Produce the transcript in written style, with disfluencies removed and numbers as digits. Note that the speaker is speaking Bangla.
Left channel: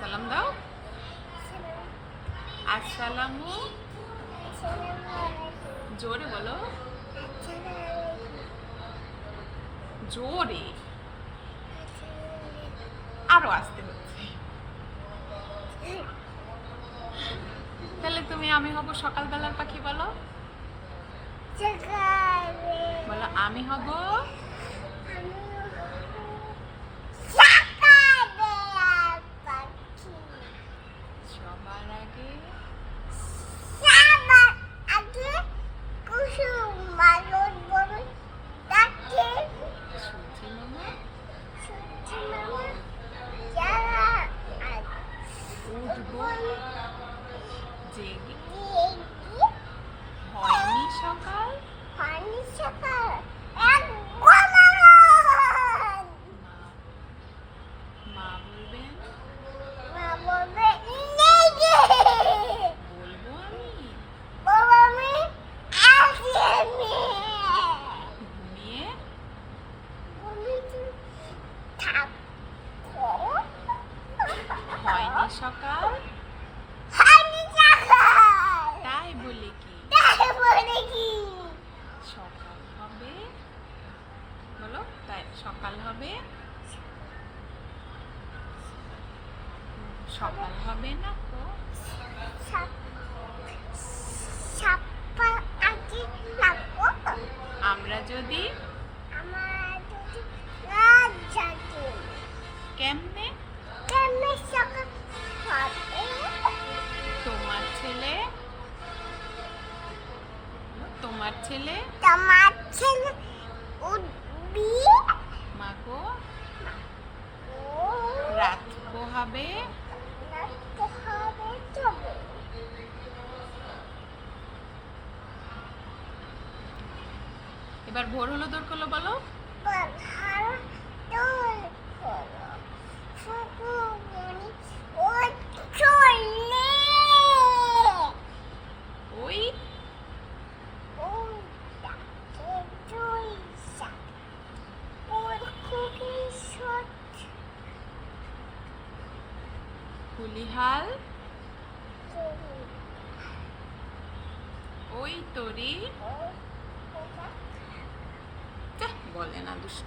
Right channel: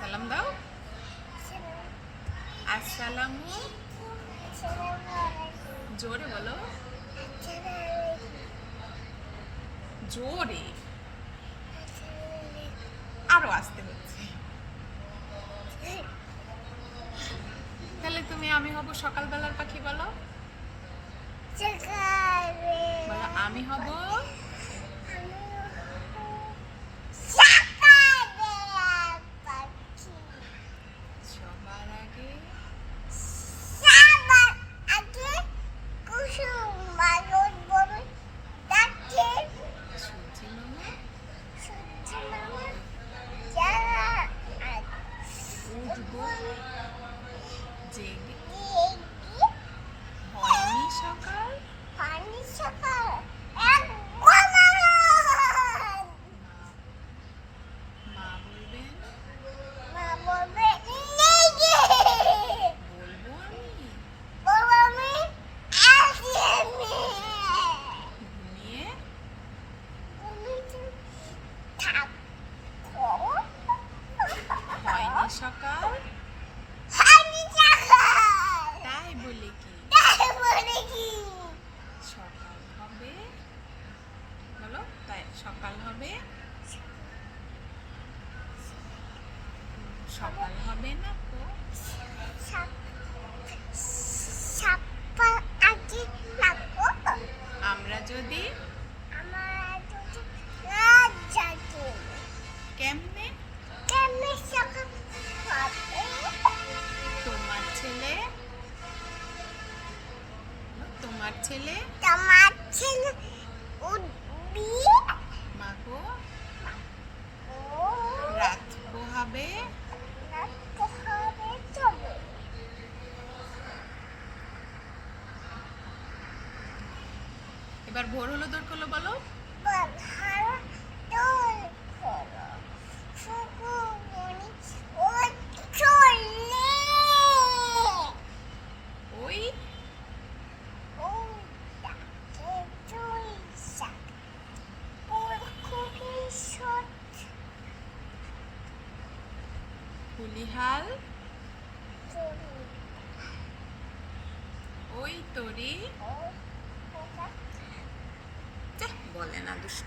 সালাম দাও। আসসালামু, জোরে বলো, জোরে, আরো আসতে হচ্ছে। তাহলে তুমি আমি হব সকালবেলার পাখি, বলো বলো আমি হব সবার আগে সূর্যি মামা উঠবো জেগে, হয়নি সকাল মা বলবেন, বলবো আমি ঘুমিয়ে হয়নি সকাল, তাই বলে কি সকাল হবে, বলো তাই সকাল হবে, সকাল হবে না তো, আমরা যদি কেমনে তোমার ছেলে, তোমার ছেলে মাগো রাত পোহাবে, এবার ভোর হলো দৌড় করলো, বলো ওই কুলিহাল ওই তরি বলে না দুষ্টু।